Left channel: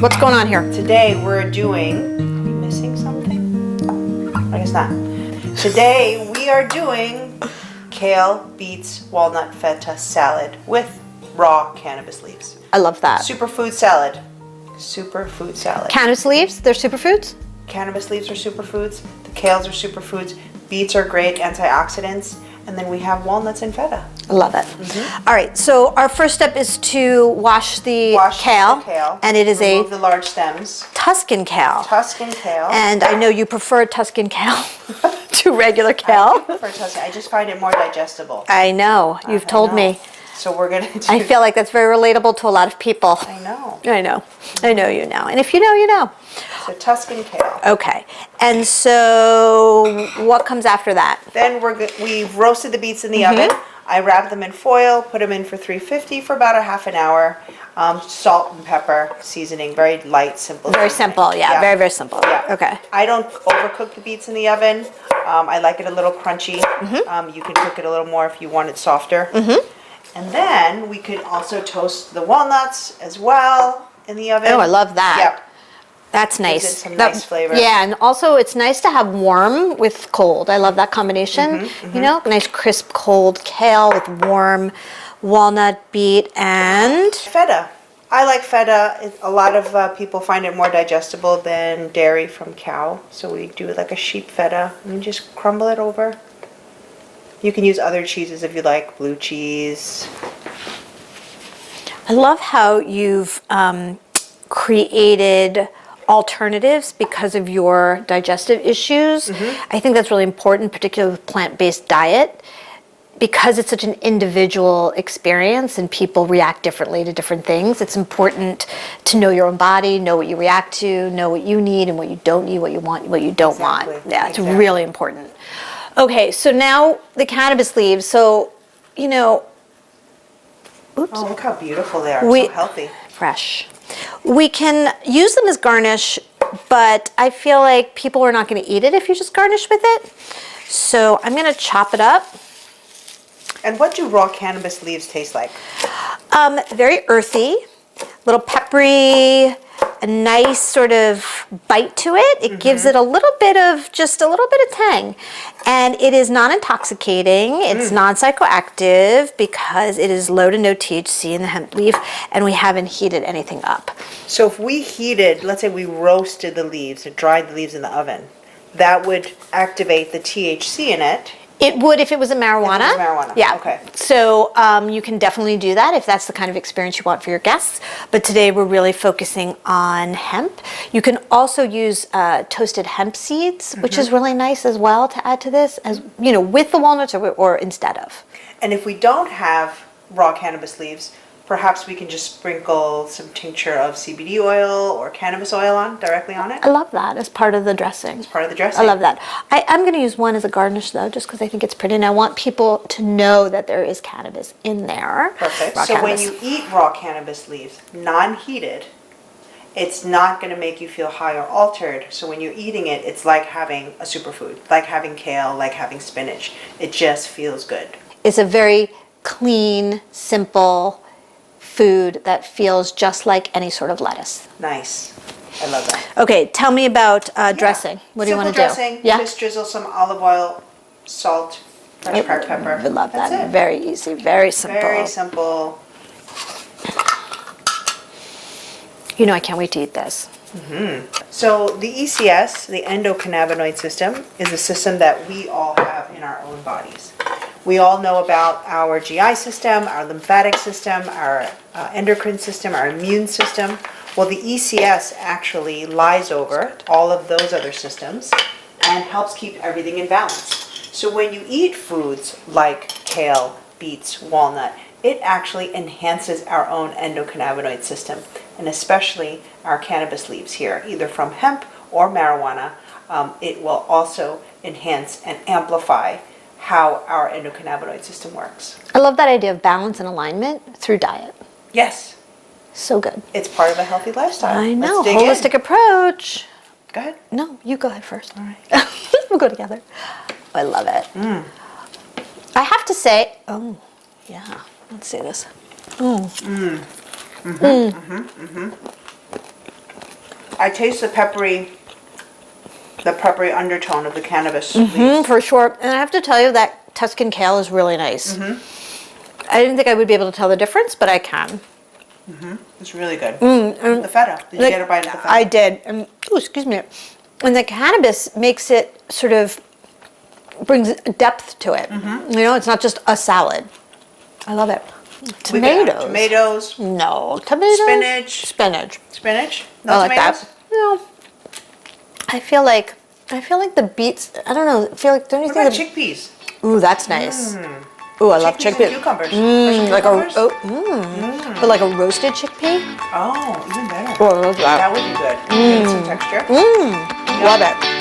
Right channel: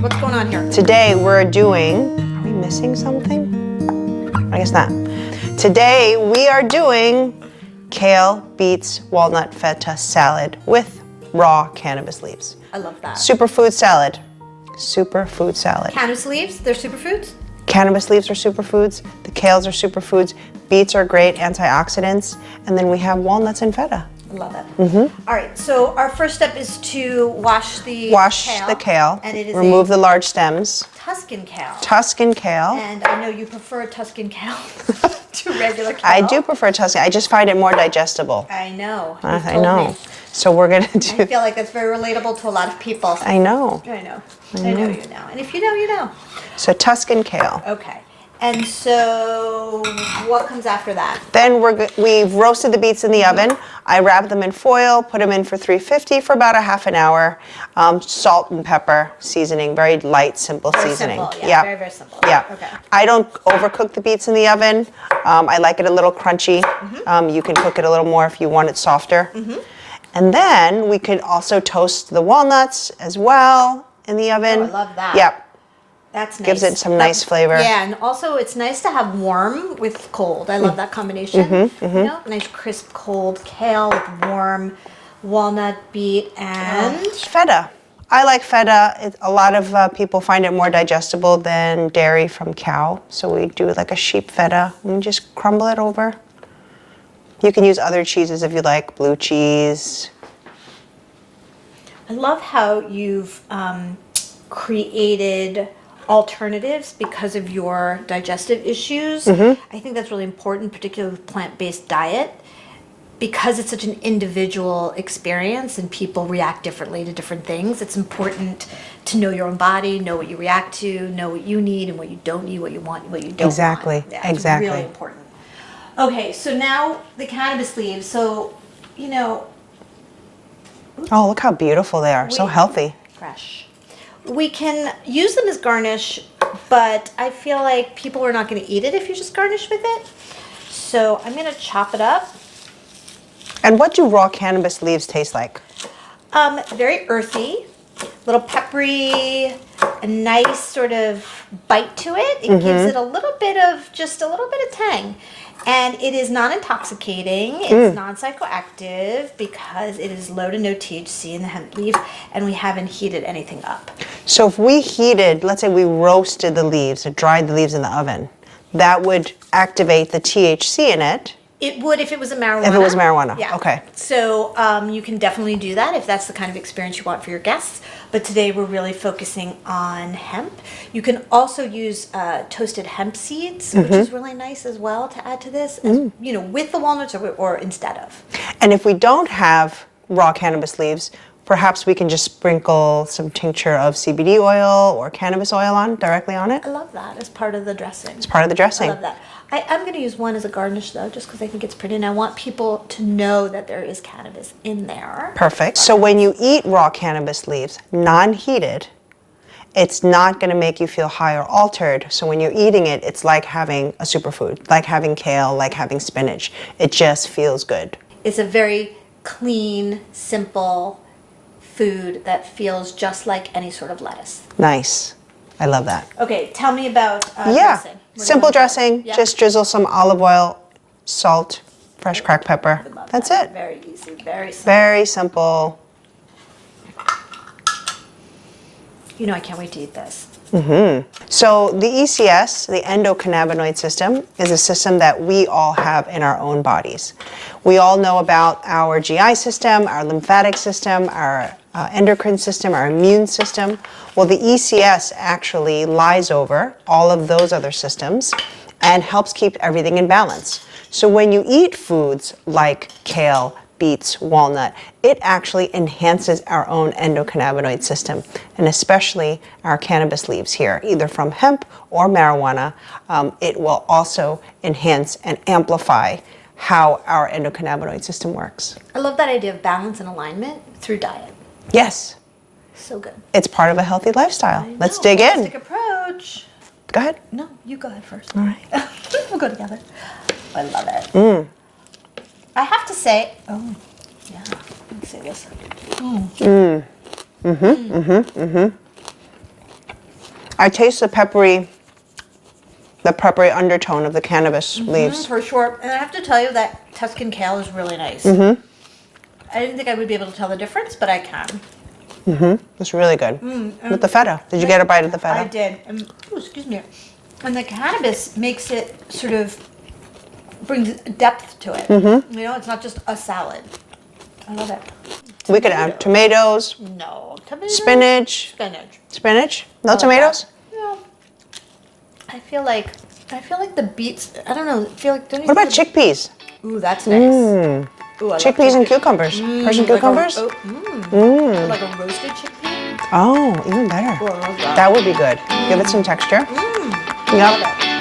What's going on here? Today we're doing, are we missing something? I guess not. Today we are doing kale, beets, walnut, feta salad with raw cannabis leaves. I love that. Superfood salad. Superfood salad. Cannabis leaves, they're superfoods? Cannabis leaves are superfoods. The kales are superfoods. Beets are great antioxidants. And then we have walnuts and feta. I love it. All right, so our first step is to wash the kale. The kale. And it is remove the large stems. Tuscan kale. Tuscan kale. And I know you prefer Tuscan kale to regular kale. I do prefer Tuscan. I just find it more digestible. I know. You've told me. So we're going to do... I feel like that's very relatable to a lot of people. I know. I know. I know you know. And if you know, you know. So Tuscan kale. Okay. And so what comes after that? Then we've roasted the beets in the oven. I wrap them in foil, put them in for 350 for about a half an hour. Salt and pepper seasoning, very light, simple Very seasoning. simple, yeah. Very, very simple. Yeah. Okay. I don't overcook the beets in the oven. I like it a little crunchy. You can cook it a little more if you want it softer. And then we could also toast the walnuts as well in the oven. Oh, I love that. Yep. That's nice. Gives it some nice flavor. Yeah, and also it's nice to have warm with cold. I love that combination. You know, nice crisp cold kale with warm walnut, beet, and feta. I like feta. A lot of people find it more digestible than dairy from cow. So we do like a sheep feta and just crumble it over. You can use other cheeses if you like, blue cheese. I love how you've created alternatives because of your digestive issues. I think that's really important, particularly with plant-based diet, because it's such an individual experience and people react differently to different things. It's important to know your own body, know what you react to, know what you need and what you don't need, what you want, what you don't want. Yeah, it's really important. Okay, so now the cannabis leaves. So, you know, oh, look how beautiful they are. So healthy. Fresh. We can use them as garnish, but I feel like people are not going to eat it if you just garnish with it. So I'm going to chop it up. And what do raw cannabis leaves taste like? Very earthy, a little peppery, a nice sort of bite to it. It gives it a little bit of tang. And it is non-intoxicating, it's non-psychoactive because it is low to no THC in the hemp leaf and we haven't heated anything up. So if we heated, let's say we roasted the leaves, or dried the leaves in the oven, that would activate the THC in it. It would if it was a marijuana. If it was marijuana, yeah. Okay. So you can definitely do that if that's the kind of experience you want for your guests. But today we're really focusing on hemp. You can also use toasted hemp seeds, which is really nice as well to add to this, as, you know, with the walnuts or instead of. And if we don't have raw cannabis leaves, perhaps we can just sprinkle some tincture of CBD oil or cannabis oil directly on it. I love that as part of the dressing. It's part of the dressing. I love that. I'm going to use one as a garnish though, just because I think it's pretty, and I want people to know that there is cannabis in there. Perfect. So when you eat raw cannabis leaves, non-heated, it's not going to make you feel high or altered. So when you're eating it, it's like having a superfood, like having kale, like having spinach. It just feels good. It's a very clean, simple food that feels just like any sort of lettuce. Nice. I love that. Okay, tell me about dressing. What Simple do you dressing. Yeah? Just drizzle some olive oil, salt, fresh cracked pepper. I love That's that. it. Very easy, very simple. Very simple. You know, I can't wait to eat this. So the ECS, the endocannabinoid system, is a system that we all have in our own bodies. We all know about our GI system, our lymphatic system, our endocrine system, our immune system. Well, the ECS actually lies over all of those other systems and helps keep everything in balance. So when you eat foods like kale, beets, walnut, it actually enhances our own endocannabinoid system, and especially our cannabis leaves here, either from hemp or marijuana. It will also enhance and amplify how our endocannabinoid system works. I love that idea of balance and alignment through diet. Yes. So good. It's part of a healthy lifestyle. I know. Let's dig Holistic in. approach. Go ahead. No, you go ahead first. All right. We'll go together. I love it. I have to say, oh, yeah, let's see this. I taste the peppery undertone of the cannabis leaves. For sure. And I have to tell you that Tuscan kale is really nice. I didn't think I would be able to tell the difference, but I can. It's really good. With the feta. Did you get a bite of the feta? I did. Oh, excuse me. And the cannabis makes it sort of brings depth to it. You know, it's not just a salad. I love it. We can add tomatoes. No, tomatoes. Spinach. Spinach. No I like tomatoes? that. No. I feel like the beets. I don't know. I feel like. What about chickpeas? Ooh, that's nice. Ooh, I love Chickpeas and cucumbers. Persian cucumbers? But like a roasted chickpea. Oh, even better. Oh, I love that. That would be good. Give it some texture. Love it.